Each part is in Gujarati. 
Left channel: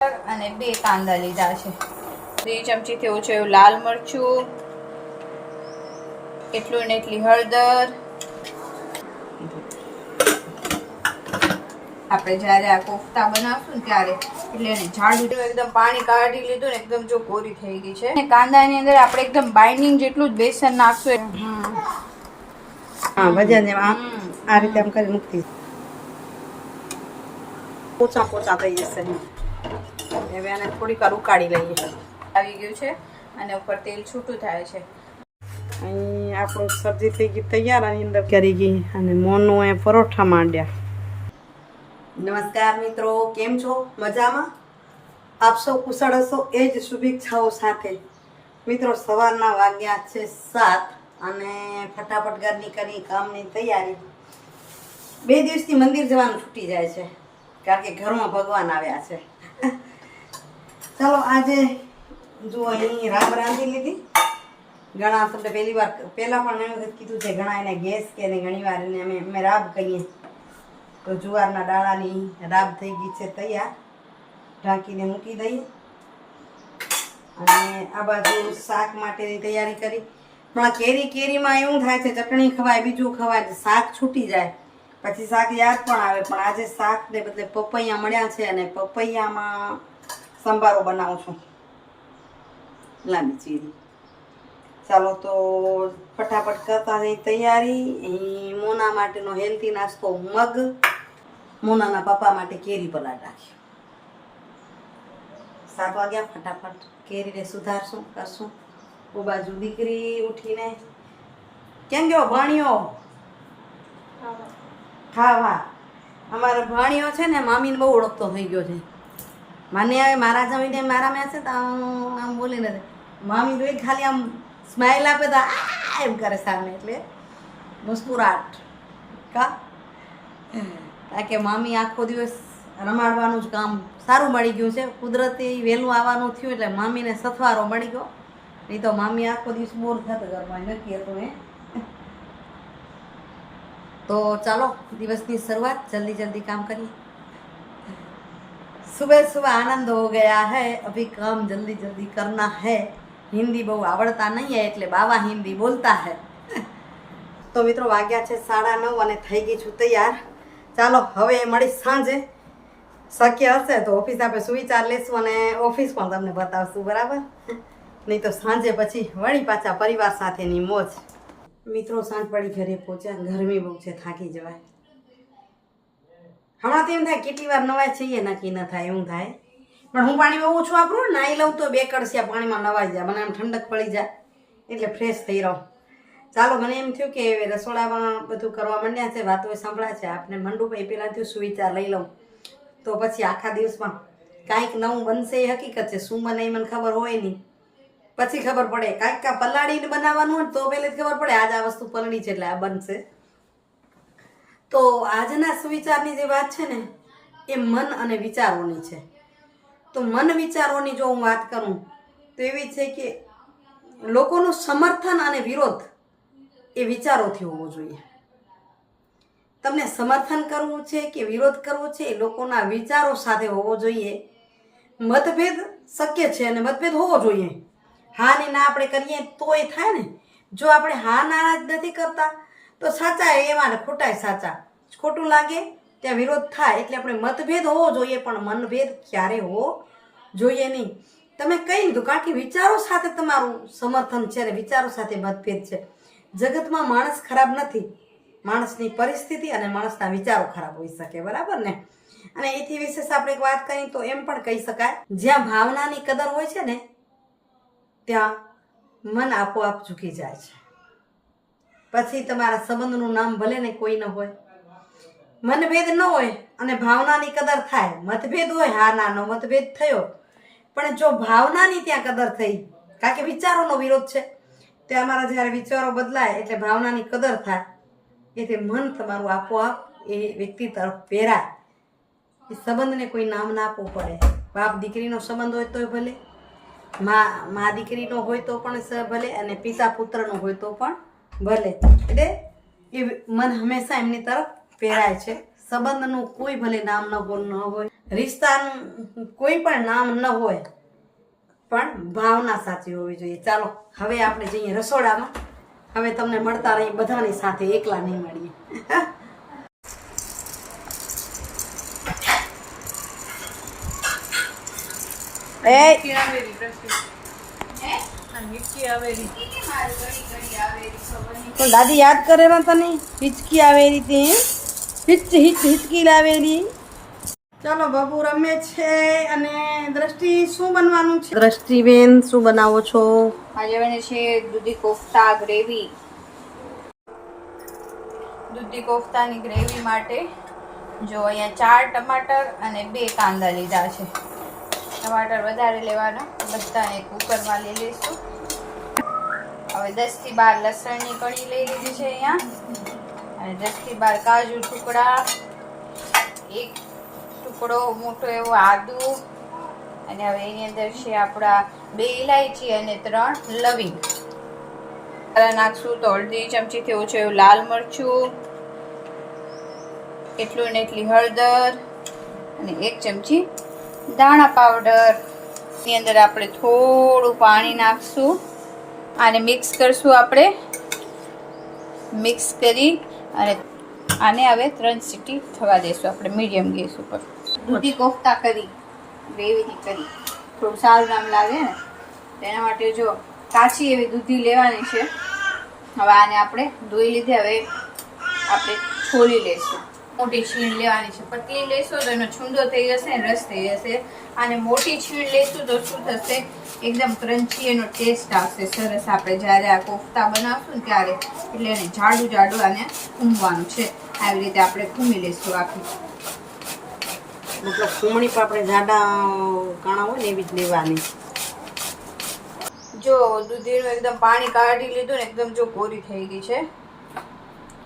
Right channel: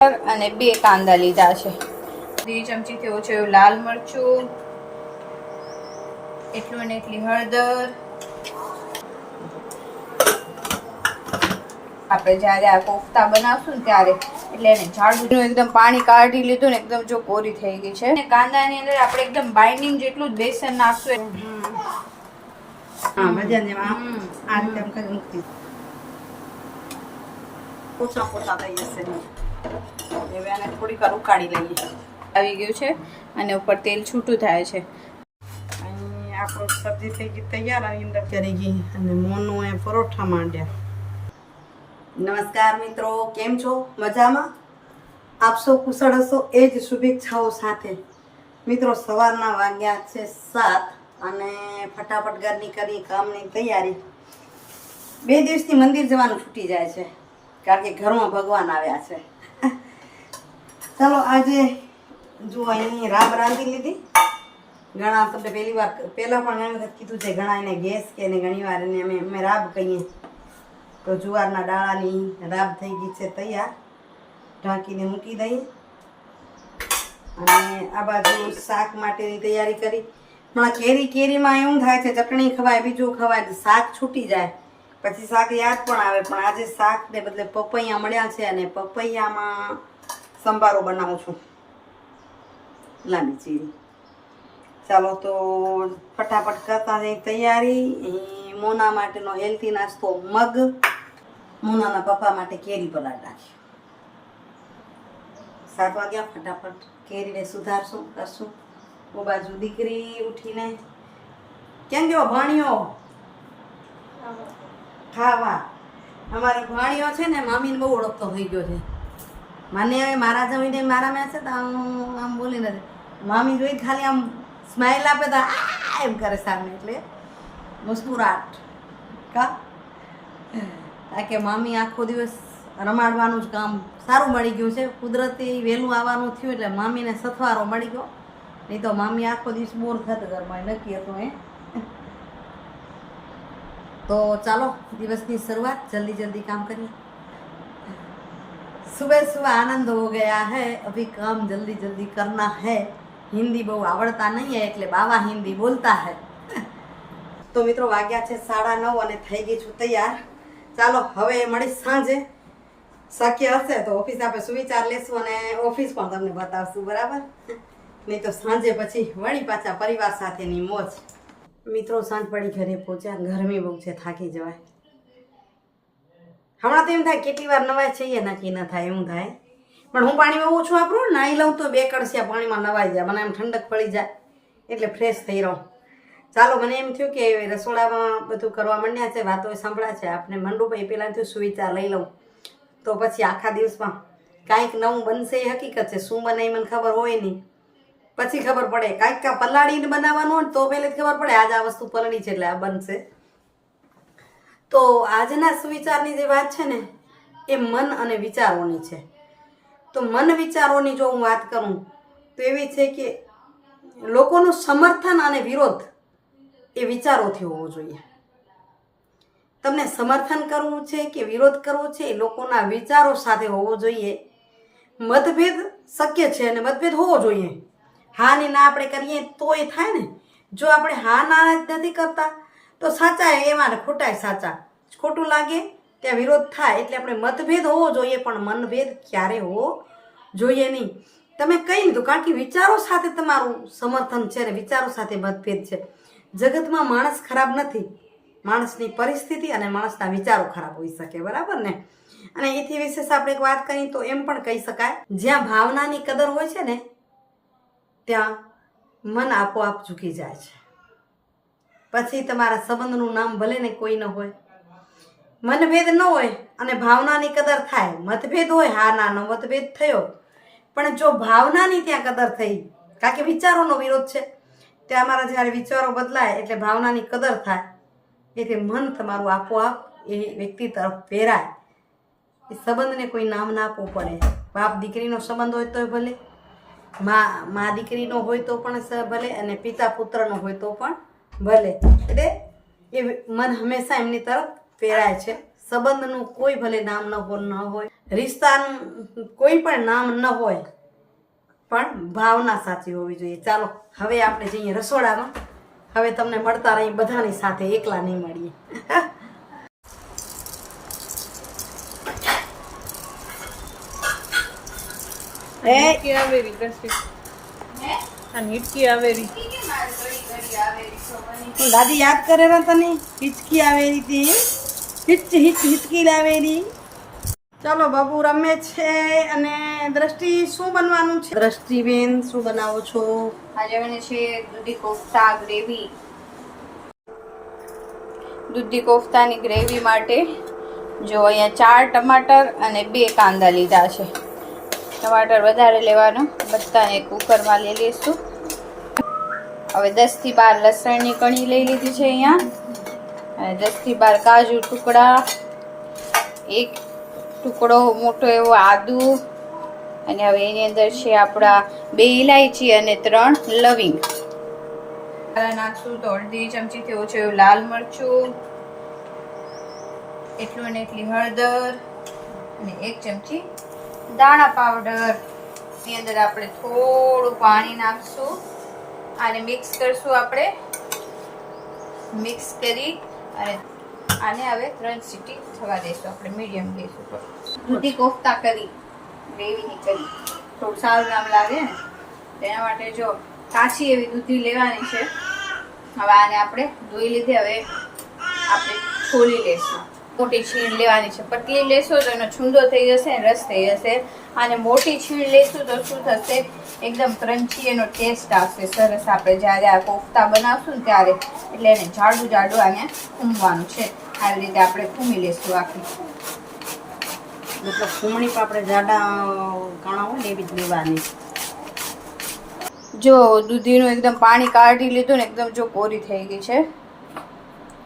અને 2 કાંદા લીધા છે, 2 ચમચીથી ઓછું એવું લાલ મરચું, એટલું ને એટલી હળદર. આપણે જ્યારે આ કોફતા બનાવશું ને ત્યારે એટલે એને જાડું એકદમ પાણી કાઢી લીધું ને એકદમ જો કોરી થઈ ગઈ છે. અને કાંદાની અંદર આપણે એકદમ બાઇન્ડિંગ જેટલું જ બેસન નાખશું. હા, વજન આ રીતે આમ કરી મૂકી પોચા પોચા થઈ જશે. હવે આને થોડીક વાર ઉકાળી લઈએ. આવી ગયું છે અને ઉપર તેલ છૂટું થાય છે. અહીં આપણું સબ્જી થઈ ગઈ તૈયાર. આની અંદર કરી ગઈ અને મોનું એ પરોઠા માંડ્યા. નમસ્કાર મિત્રો, કેમ છો? મજામાં? આપ સૌ કુશળ હશો એ જ શુભેચ્છાઓ સાથે. મિત્રો, સવારના વાગ્યા છે 7 અને ફટાફટ ઘરની કરી કામની તૈયારી. 2 દિવસથી મંદિર જવાનું છૂટી જાય છે કારણ કે ઘરમાં ભગવાન આવ્યા છે. ચાલો આજે જો અહીં રાબ રાંધી લીધી. ઘણા તમને પહેલાં પણ મેં વખત કીધું છે, ઘણા એને ગેસ કે એને ઘણી વાર એને અમે રાબ કહીએ. તો જુવારના દાણાની રાબ થઈ ગઈ છે તૈયાર. ઢાંકીને મૂકી દઈએ. અને આ બાજુ શાક માટેની તૈયારી કરી. હમણાં કેરીમાં એવું થાય છે, ચટણી ખવાય, બીજું ખવાય, શાક છૂટી જાય, પછી શાક યાદ પણ આવે. પણ આજે શાકને બદલે પપૈયા મળ્યા છે અને પપૈયામાં સંભારો બનાવું છું, લાંબી ચીરી. ચાલો તો ફટાફટ કરતા જઈ તૈયારી. મોના માટેનો હેલ્ધી નાસ્તો મગ, મોનાના પપ્પા માટે કેરી પલાળ નાખ્યો. 7 વાગ્યા, ફટાફટ કેરીને સુધારશું કરશું. હું બાજુ દીકરી ઉઠીને કેમ ગયો ભાણિયો ખાવા. અમારો ભાણિયો છે ને મામીને બહુ ઓળખતો થઈ ગયો છે. મને હવે મારા જમીને મારા મેં છે તો આમ બોલી નથી. મામી જોઈ ખાલી આમ સ્માઇલ આપે તો આ એમ કરે સામે, એટલે મુસ્કુરાટ કા. કારણ કે મામી આખો દિવસ રમાડવાનું જ કામ સારું મળી ગયું છે. કુદરતી વહેલું આવવાનું થયું એટલે મામીને સથવારો મળી ગયો. નહીં તો મામી આખો દિવસ બોર થતો ઘરમાં, નક્કી હતું એ. તો ચાલો દિવસની શરૂઆત જલ્દી જલ્દી કામ કરીએ. सुबह सुबह आनंद हो गया है, अभी काम जल्दी जल्दी करना है. हिंदी બહુ આવડતા નહીં है એટલે બાવા હિન્દી બોલતા है. તો મિત્રો વાગ્યા છે 9:30 અને થઈ ગઈ છું તૈયાર. ચાલો હવે મળી સાંજે. શક્ય હશે તો ઓફિસ આપણે સુવિચાર લેશું અને ઓફિસ પણ તમને બતાવશું, બરાબર? નહીં તો સાંજે પછી વળી પાછા પરિવાર સાથેની મોજ. મિત્રો સાંજ પડી ઘરે પહોંચ્યા. ગરમી બહુ છે, થાકી જવાય. હમણાં તો એમ થાય કેટલી વાર નવાય છીએ, નક્કી ન થાય એવું થાય. પણ હું પાણીમાં ઓછું વાપરું, નાહી લઉં તો 2 કળશિયા પાણીમાં નવાઈ જાય. મને એમ ઠંડક પડી જાય એટલે ફ્રેશ થઈ રહું. ચાલો મને એમ થયું કે રસોડામાં બધું કરવા માંડ્યા છે, વાતો સાંભળ્યા છે, આપણે મંડું ભાઈ પહેલાં થયું સુવિચાર લઈ લઉં તો પછી આખા દિવસમાં કાંઈક નવું બનશે. એ હકીકત છે, શું બને એ મને ખબર હોય નહીં, પછી ખબર પડે. કાંઈક પલાળીને બનાવવાનું હોય તો પહેલેથી ખબર પડે આજ આ વસ્તુ પલળી છે એટલે આ બનશે. તો આજના સુવિચારની જે વાત છે ને એ મન અને વિચારોની છે. તો મન વિચારોની જો હું વાત કરું તો એવી છે કે લોકોનું સમર્થન અને વિરોધ એ વિચારોથી હોવો જોઈએ. તમને સમર્થન કરવું છે કે વિરોધ કરવો છે એ લોકોના વિચારો સાથે હોવો જોઈએ. મતભેદ શક્ય છે અને મતભેદ હોવો જોઈએ. હા ને ના આપણે કરીએ તો એ થાય ને. જો આપણે હા ના જ નથી કરતા તો સાચા એમાં ખોટા સાચા, ખોટું લાગે ત્યાં વિરોધ થાય. એટલે આપણે મતભેદ હોવો જોઈએ પણ મનભેદ ક્યારે હોવો જોઈએ નહીં. તમે કહી લીધું કારણ કે વિચારો સાથે તમારું સમર્થન છે અને વિચારો સાથે મતભેદ છે. જગતમાં માણસ ખરાબ નથી, માણસની પરિસ્થિતિ અને માણસના વિચારો ખરાબ હોઈ શકે, બરાબર ને? અને એથી વિશેષ આપણે એક વાત કરીએ તો એમ પણ કહી શકાય, જ્યાં ભાવનાની કદર હોય છે ને ત્યાં મન આપોઆપ ઝૂકી જાય છે. પછી તમારા સંબંધનું નામ ભલે ને કોઈ ન હોય, મનભેદ ન હોય અને ભાવનાની કદર થાય. મતભેદ હોય, હા નાનો મતભેદ થયો, પણ જો ભાવનાની ત્યાં કદર થઈ, કારણ કે વિચારોનો વિરોધ છે, ત્યાં અમારા જ્યારે વિચારો બદલાય એટલે ભાવનાની કદર થાય, એટલે મન તમારું આપોઆપ એ વ્યક્તિ તરફ પ્રેરાય. એ સંબંધને કોઈ નામ ના આપવું પડે. બાપ દીકરીનો સંબંધ હોય તોય ભલે, મા દીકરીનો હોય તો પણ ભલે, અને પિતા પુત્રનો હોય તો પણ ભલે. એટલે એ મન હંમેશા એમની તરફ પ્રેરાય છે, સંબંધનું કોઈ ભલે નામ ન હોય, રિશ્તાનું કોઈ પણ નામ ન હોય, પણ ભાવના સાચી હોવી જોઈએ. ચાલો હવે આપણે જઈએ રસોડામાં. હવે તમને મળતા રહી બધાની સાથે, એકલા નહીં મળીએ. પણ દાદી યાદ કરે ને તને હિચકી આવેલી તે હિચકી લાવેલી. ચાલો બાબુ રમે છે. અને દ્રષ્ટિ શું બનવાનું છે? દ્રષ્ટિબેન શું બનાવો છો? આજે બને છે દૂધી કોફતા ગ્રેવી. દૂધી કોફતાની ગ્રેવી માટે જો અહીંયા 4 ટમાટર અને 2 કાંદા લીધા છે. ટમાટર વધારે લેવાનો, બધાને કુકરમાં લઈ લઈશું. હવે 10 થી 12 લસણની કણી લઈ લીધી છે અહીંયા, અને 10 થી 12 કાજુ ટુકડા, 1 ટુકડો મોટો એવો આદુ, અને હવે એની અંદર છે આપણા 2 ઇલાયચી અને 3 લવિંગ. નાખશું તો અડધી ચમચીથી ઓછું એવું લાલ મરચું, એટલું ને એટલી હળદર, અને 1 ચમચી દાણા પાવડર. એની અંદર આપણે થોડું પાણી નાખશું, આને મિક્સ કરશું. આપણે મિક્સ કરી અને આને હવે 3 સીટી થવા દઈશું આપણે મીડિયમ ગેસ ઉપર. દૂધી કોફતા કરી, ગ્રેવીની કરી, થોડું સારું નામ લાગે ને તેના માટે જો કાચી એવી દૂધી લેવાની છે. હવે આને આપણે ધોઈ લીધી, હવે આપણે છોલી લેશું. મોટી છીણ લેવાની છે, પતલી લેશો તો એનો છૂંદો થઈ જશે, રસ થઈ જશે. અને મોટી છીણ લેશું તો શું થશે, એકદમ ક્રન્ચી એનો ટેસ્ટ આવશે સરસ. આપણે જ્યારે આ કોફતા બનાવશું ને ત્યારે, એટલે એને જાડું જાડું આને ખૂમવાનું છે. આવી રીતે આપણે ખૂમી લેશું આખી. મતલબ ખૂમણી પણ આપણે જાડા કાણા હોય ને એવી જ લેવાની. જો દૂધીનું એકદમ પાણી કાઢી લીધું ને, એકદમ જો કોરી થઈ ગઈ છે.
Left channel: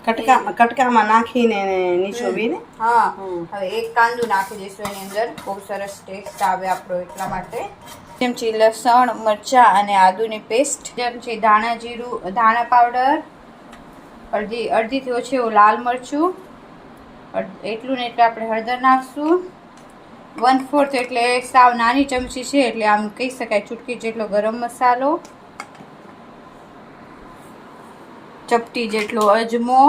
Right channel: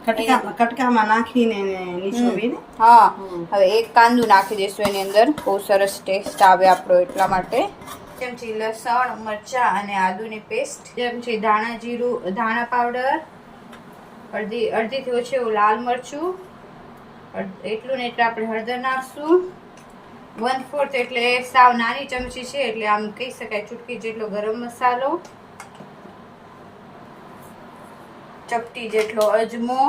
કટકામાં નાખીને નીચોવીને. હા, હવે 1 કાંદું નાખી દઈશું એની અંદર, બહુ સરસ ટેસ્ટ આવે આપણો એટલા માટે. ચમચી લસણ, મરચા અને આદુની પેસ્ટ, ચમચી ધાણા જીરું, ધાણા પાવડર, અડધીથી ઓછી એવું લાલ મરચું, એટલું ને એટલે આપણે હળદર નાખશું. 1/4 એટલે સાવ નાની ચમચી છે, એટલે આમ કહી શકાય ચૂટકી જેટલો ગરમ મસાલો, ચપટી જેટલો અજમો,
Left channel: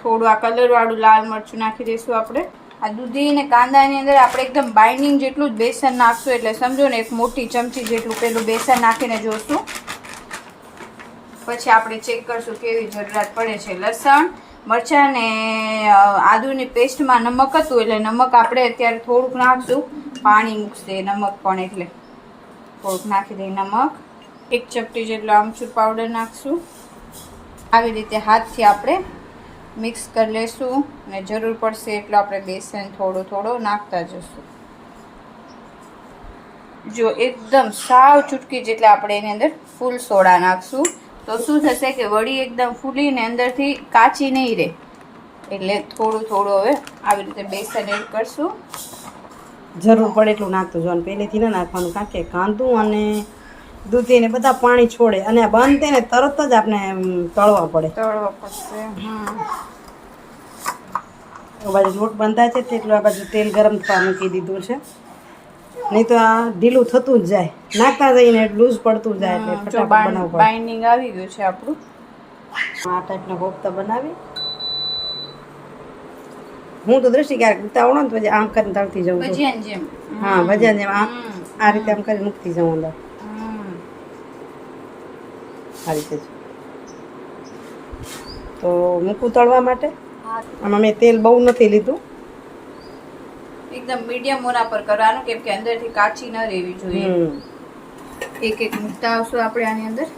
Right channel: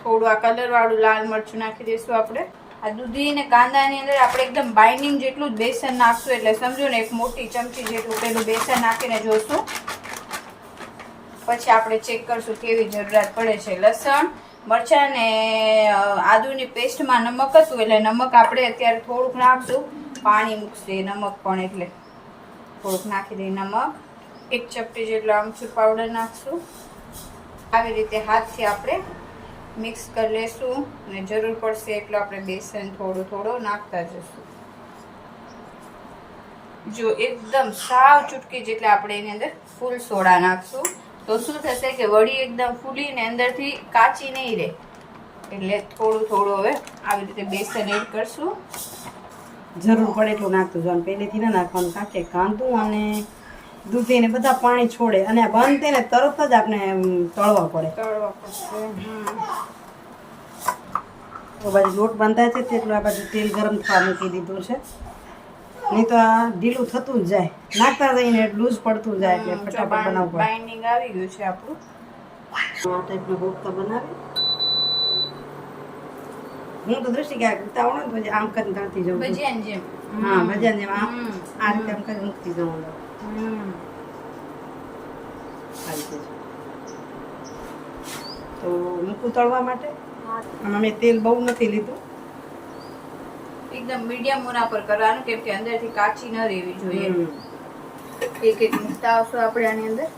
થોડું આ કલર વાળું લાલ મરચું નાખી દઈશું આપણે. આ દૂધી અને કાંદાની અંદર આપણે એકદમ બાઇન્ડિંગ જેટલું જ બેસન નાખશું, એટલે સમજો ને 1 મોટી ચમચી જેટલું પેલું બેસન નાખીને જોશું. પછી આપણે ચેક કરશું કેવી જરૂરિયાત પડે છે. લસણ, મરચાં ને આદુની પેસ્ટમાં નમક હતું, એટલે નમક આપણે અત્યારે થોડુંક નાખશું. પાણી મૂકશે નમક પણ, એટલે થોડુંક નાખી દઈએ નમક. 1 ચપટી જેટલો આમચૂર પાવડર નાખશું. આવી રીતે હાથથી આપણે મિક્સ કરી લેશું, ને જરૂર પડશે એટલું આપણે બેસન થોડું નાખતા જશું. જો એકદમ સાવ ચૂટકી જેટલા આપણે એની અંદર ફૂલ સોડા નાખશું, તો શું થશે કે વડી એકદમ ફૂલીને અંદરથી કાચી નહીં રહે. એટલે થોડું હવે આવી રીતે બેસન એડ કરશું. જરૂર પડે એટલું નાખતું જવાનું, પહેલેથી ના નાખવાનું, કારણ કે કાંદું અને દૂધી ને બધા પાણી છોડે, અને બંધ થાય ને તરત જ આપણે તળવા પડશે. આ બાજુ લોટ બંધાય છે તેટલું આ બાજુ તેલ ગરમ થવા મૂકી દીધું છે, નહીં તો આ ઢીલું થતું જ જાય, નાખતા જઈને લૂઝ પડતું જાય, એટલે ફટાફટ બનાવવું પડે. બાઇન્ડિંગ આવી ગયું છે આપણું. આ ટાઈપના કોફતા બનાવી હું તો દ્રષ્ટિ ક્યારેક ઉતાવળો ને પછી આમ કરીને તળતી જાઉં છું. હા, ભજીયા જેમ આ રીતે આમ કરીને મૂકતી જાઉં અંદર. આ રીતે તો મૂકું તળવા માટે. આમાં મેં તેલ બહુ નથી લીધું, એકદમ મીડિયમ મોના પર કરવાનું, કેમ કે અંદરથી કાચી ન રહેવી જોઈએ. એક મૂકતા આવશું આપણે આની અંદર,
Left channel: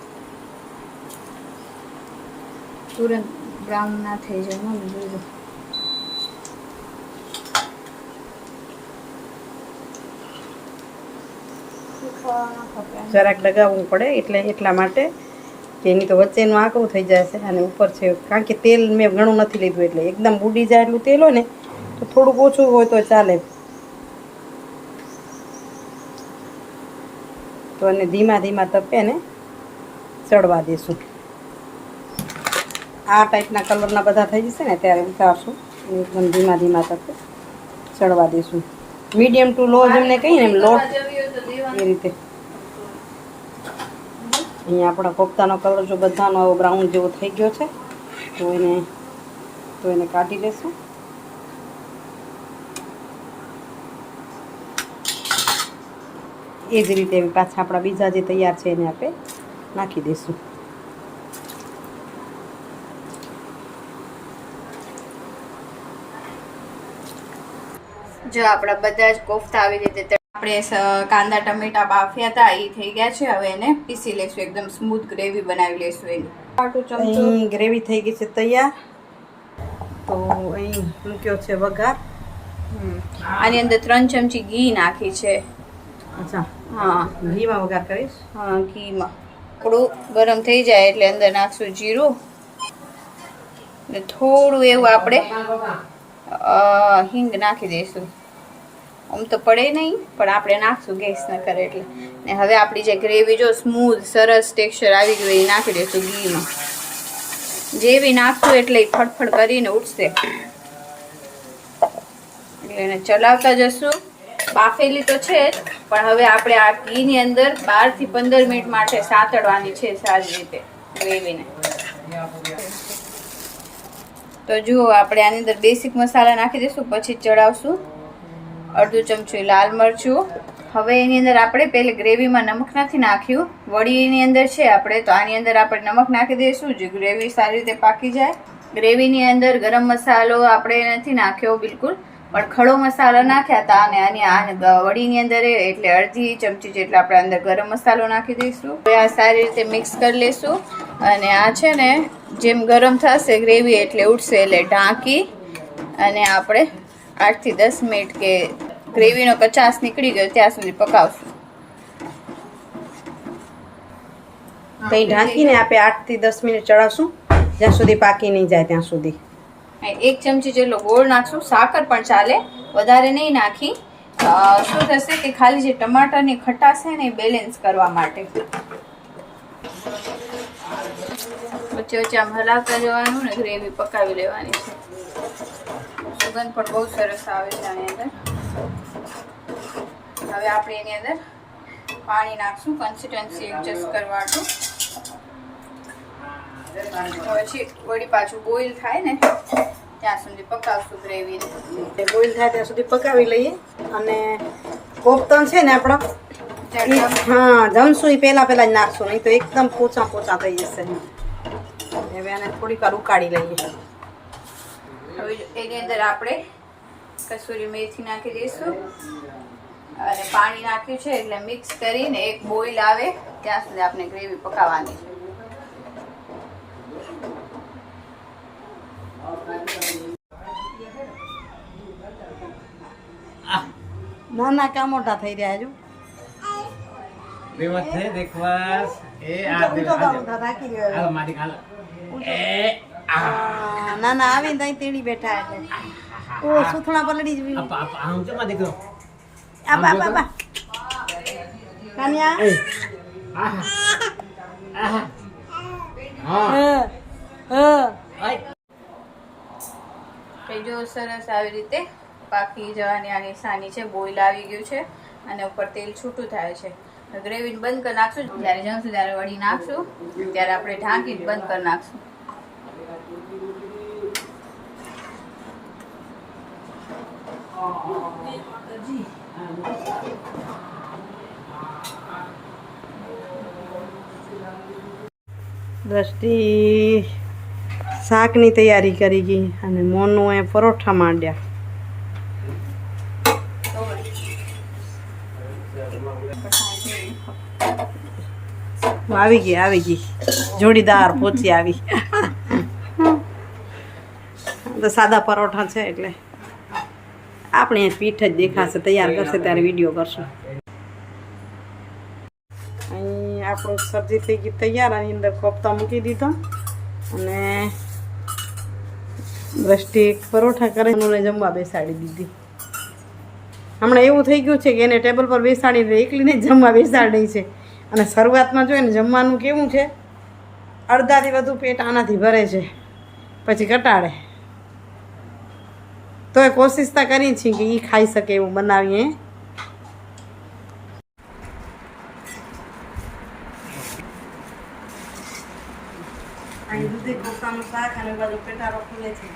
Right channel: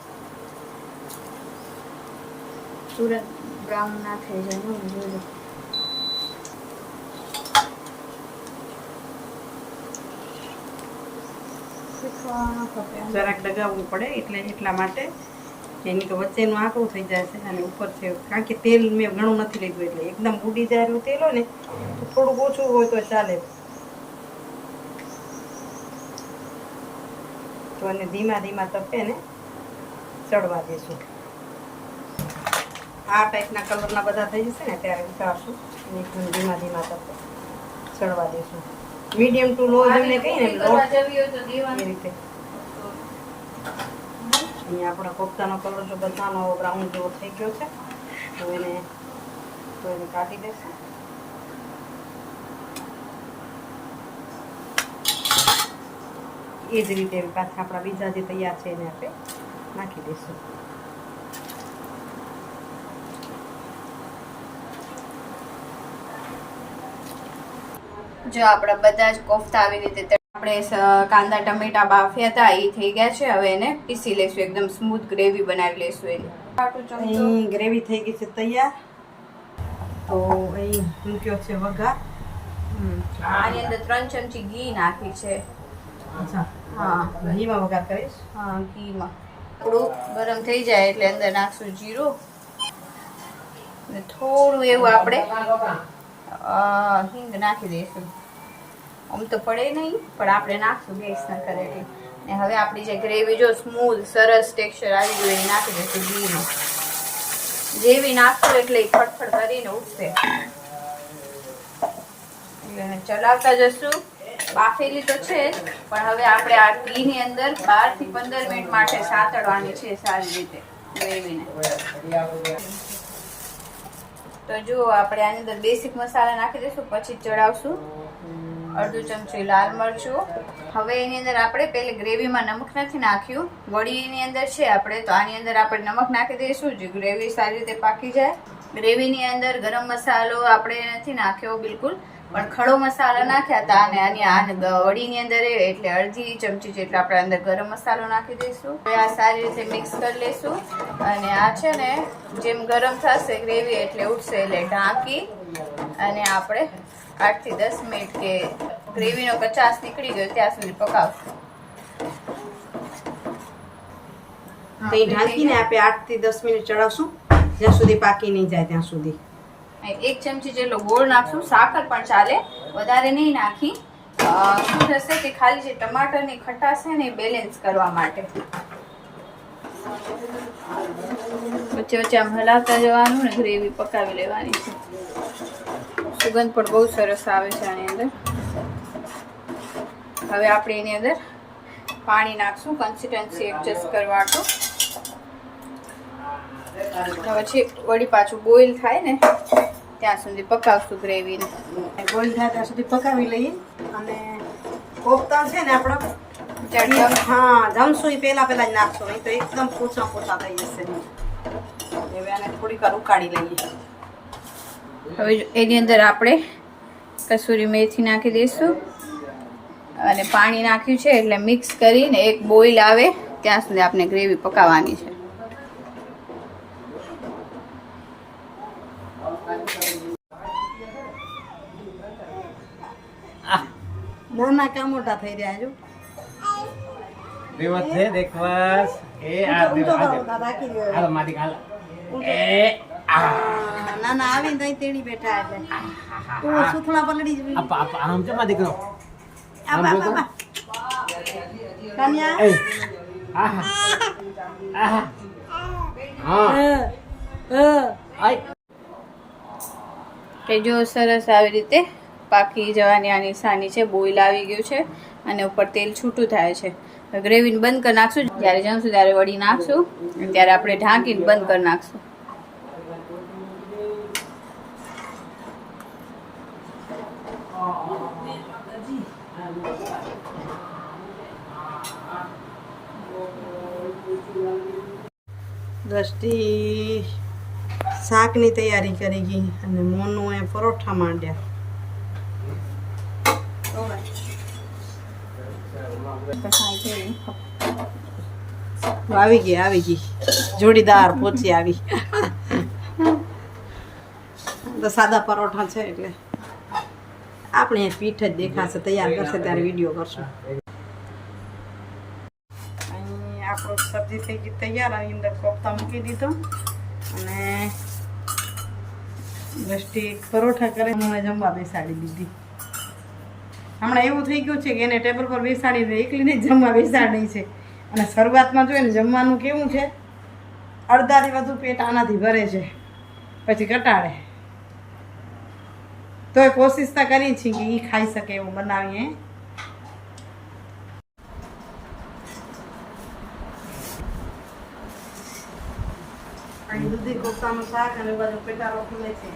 તુરંત બ્રાઉન ના થઈ જાય. જરાક લગાવવું પડે, એટલે એટલા માટે કે એની તો વચ્ચેનું આંકડું થઈ જશે, અને ઉપર છે કારણ કે તેલ મેં ઘણું નથી લીધું, એટલે એકદમ બુડી જાય એટલું તેલ હોય ને તો થોડુંક ઓછું હોય તો ચાલે. તો એને ધીમા તપે ને ચડવા દઈશું. આ ટાઈપના કલરના બધા થઈ જશે ને ત્યારે ઉતારશું અને એકદમ ધીમા ધીમા તકે ચડવા દઈશું. મીડિયમ ટુ લો જેમને કહીએ ને એમ લો એ રીતે. અહીંયા આપણા કોફતાનો કલર જો બધાનો આવો બ્રાઉન જેવો થઈ ગયો છે તો એને કાઢી લઈશું. એ જ રીતે પાછા આપણા બીજા જે તૈયાર છે એને આપણે નાખી દઈશું. જો આપણા બધા જ કોફતા આવી રીતે આપણે કાંદા ટમેટા બાફ્યા હતા એ થઈ ગયા છે. હવે એને પીસી લઈશું, એકદમ સ્મૂથ ગ્રેવી બનાવી લઈશું એની. અહીં ગ્રેવી થઈ ગઈ છે તૈયાર. તો અહીં મૂક્યો છે વઘાર. આની અંદર 3 ચમચી ઘી નાખી છે. અચ્છા, હા, ઘીમાં વઘાર કરીશ. હા, ઘીમાં થોડું ગરમ થઈ જાય એટલે અંદર નાખશું જીરું ને થોડું એવું આપણે હિંગ નાખી દઈશું. આમ તો પડે નહીં પણ આપણે નાખશું ગેસ ન કરે એટલે. ને હવે આપણી જે ગ્રેવી જો સ્મૂથ સરસ ટેક્સચર આવી ગયું એ નાખી દઈશું ઘીમાં. જેવી નાખશું એટલે એ ફટફટ કરીને ઉઠશે એટલે એને ચલાવતા જશું. બાફેલી તો છે જ પણ હવે આપણે આ ઘીની અંદર 12 થી 15 મિનિટ માટે સાતળવાની છે સારી રીતે ગ્રેવીને. તો જુઓ આપણે આની અંદર બેસિક મસાલા નાખી દઈશું, પછી ચડાવશું. અડધું ચમચી લાલ મરચું. હવે એની અંદર આપણે પહેલે ગ્રેવીમાં નમક નથી નાખ્યું, વડીની અંદર છે આપણે, તો આની અંદર આપણે નમક નાખી દઈશું જે ગ્રેવી સારી રીતે પાકી જાય. ગ્રેવીની અંદર ગરમ મસાલો આપણે નથી નાખ્યો બિલકુલ, પણ ખડો મસાલો નાખ્યા હતા અને આની વડીની અંદર એટલે અડધી ચમચી જેટલા આપણે અંદર ગરમ મસાલો નાખી દઈશું. આ સારી રીતે મિક્સ કરી લઈશું અને આ છે ને જેમ ગરમ થશે ગ્રેવી એટલે ઉઠશે એટલે ઢાંકી અને આપણે 8 થી 10 મિનિટ કે ગ્રેવીનો કચાશ નીકળી ગયો ત્યાં સુધી પકાવશું. તો એ ઢાંકીને આપણે 8 થી 10 મિનિટ ચડાવશું જ્યાં સુધી પાકી નહીં જાય ત્યાં સુધી. 1 ચમચી જેટલો ગોળ નાખશું, સાકર પણ ચાલે, વધારે નહીં નાખી. શું થશે કે ખાલી જે ટમાટરની ખટાશ છે ને એ બેલેન્સ કરવા માટે. વચ્ચે વચ્ચે આમ હલાવતા જવાનું ને ગ્રેવી પકાવી લેવાની છે. સુગંધ પણ બહુ સરસ આવે છે આની અંદર. હવે આપણે એની અંદર પાણી નાખશું કન્સિસ્ટન્સી એડજસ્ટ કરવાનું. પછી વળી પાછું બોઇલ થાય ને ત્યાં સુધી પકાવશું ગ્રેવીને. બોઇલ થાય ત્યાં સુધી પકાવી લઈએ. અને કોફતા છે ને આપણો હા જમશું એ પહેલા જ નાખશું, નહીં તો એકદમ પોચા થઈ જશે. હવે એને થોડીક વાર ઉકાળી લઈએ. હવે એની અંદર આપણે કસૂરી મેથી નાખી દઈશું અને પાણી નાખ્યું છે એટલે મિક્સ કરીને એક બોઇલ આવે ત્યાં સુધી આપણે ગ્રેવી પકાવવાની છે. નાના કા મોટા થઈ રહ્યા છો. નાના આવે ને ત્યાં તેડી બેઠા એટલે ઓ સુથણા પલડી જ કે જો સરસ આવી રીતે પાકી જવાની આ નિશાની છે. બોઇલ આવી ગયું છે અને ઉપર તેલ છૂટું થાય છે. ગ્રેવીને બંધ કરી નાખશું. જ્યારે જમશું ત્યારે વળી નાખશું, ત્યારે આપણે ઢાંકીને બંધ કરી નાખશું. દ્રષ્ટિ શાકની તૈયારી કરી ગઈ અને મોનું એ પરોઠા માંડ્યા. આવી ગઈ જોડીદાર પોચી આવી. તો સાદા પરોઠા છે એટલે આપણે પીઠ જ દેખાશે. તૈયાર કરશે ત્યારે વિડીયો કરશું. અહીં આપણું સબ્જી થઈ ગઈ તૈયાર. આની અંદર કોફતા મૂકી દીધો અને દ્રષ્ટિ પરોઠા કરીને જમવા બેસાડી દીધી. હમણાં એવું થઈ ગયું છે કે એને ટેબલ પર બેસાડીને એકલીને જમવા બેસાડી છે. અને શરૂઆતમાં જોઈએ ને જમવાનું કેવું છે, અડધાથી વધુ પેટ આનાથી ભરે છે. પછી ઘટાડે. તોય કોશિશ તો કરી છે કે એ ખાઈ શકે એવું બનાવીએ. અહીં દૂધી કોફતાનું શાક અને બાજુ પેટા રોટલી છે.